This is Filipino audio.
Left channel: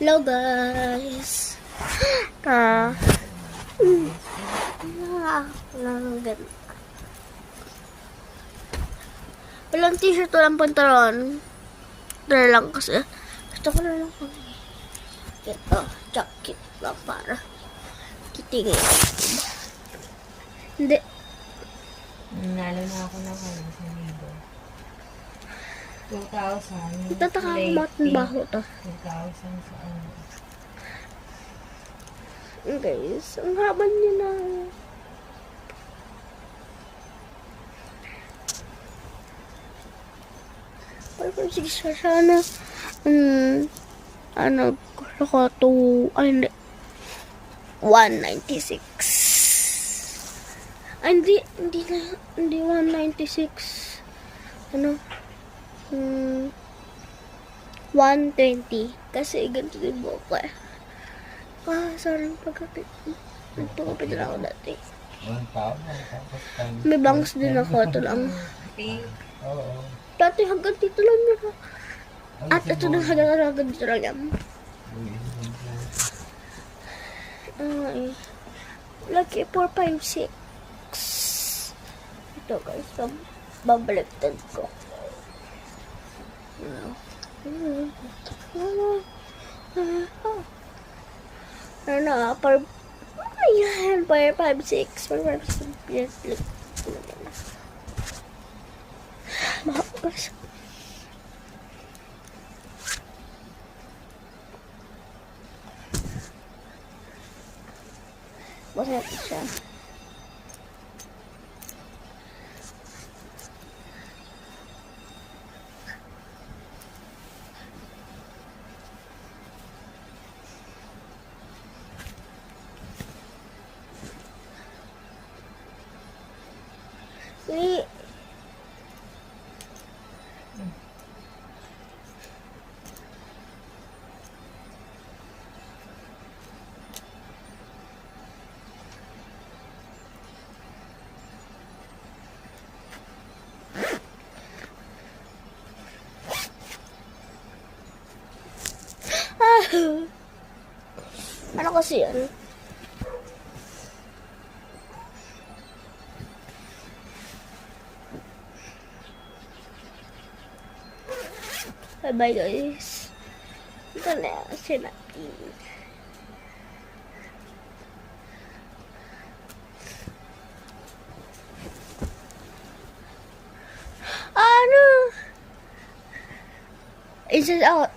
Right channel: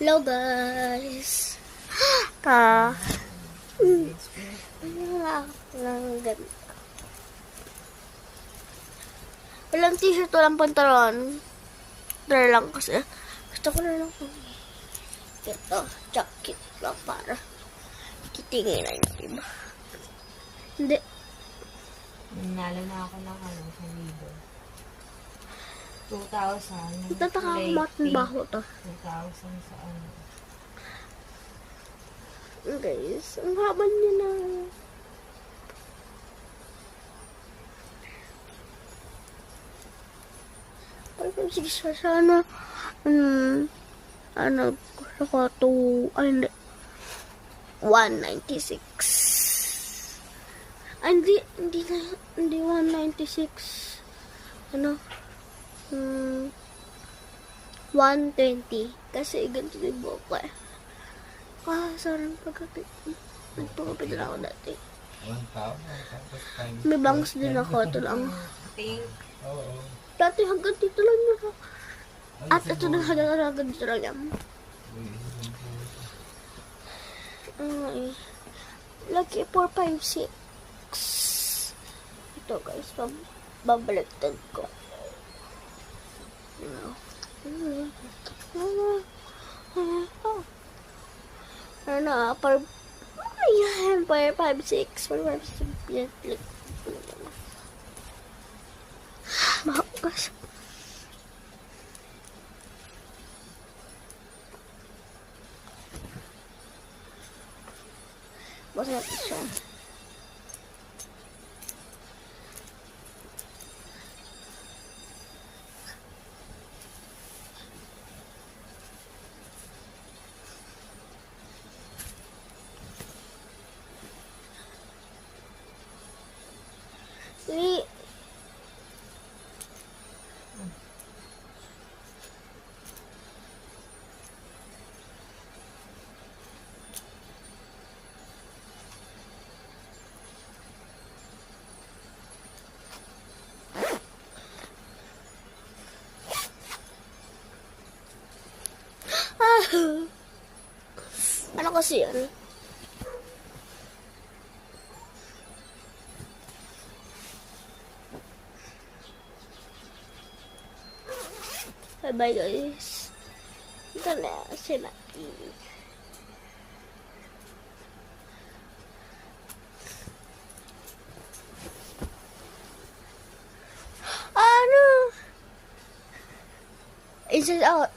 Hello guys. Walang t-shirt, walang pantalon. Dala lang kasi. Gusto ko na lang. Ito, jacket lang para kitingin. Hindi. Nanalo na ako ng ano, sa libo. 2,000. Itataka ko bakit baho to. 2,000 sa ano. Guys, ang haba niya na. Parang 6 sana. Ano, gusto ko to, ay, hindi. 196. Ay, hindi 196. Ano? 120. Kasi ganito din mo ko eh. Sorry, nagpagkapit ako dati. 1,000. May bangs din ako, ito lang. Oo. Dati hanggang dito lang na. At ito na hanggang dito lang yan. Ay. Lucky 4, 5, 6. Ito guys, babaliktad ko. Ano, ayan, 4, 5, 6. 4, 5, 6. Yes, look. Bakas. Masaya siya. Ano kasi yan? Bye-bye guys. Ito na si Naki. Ano? Is it out?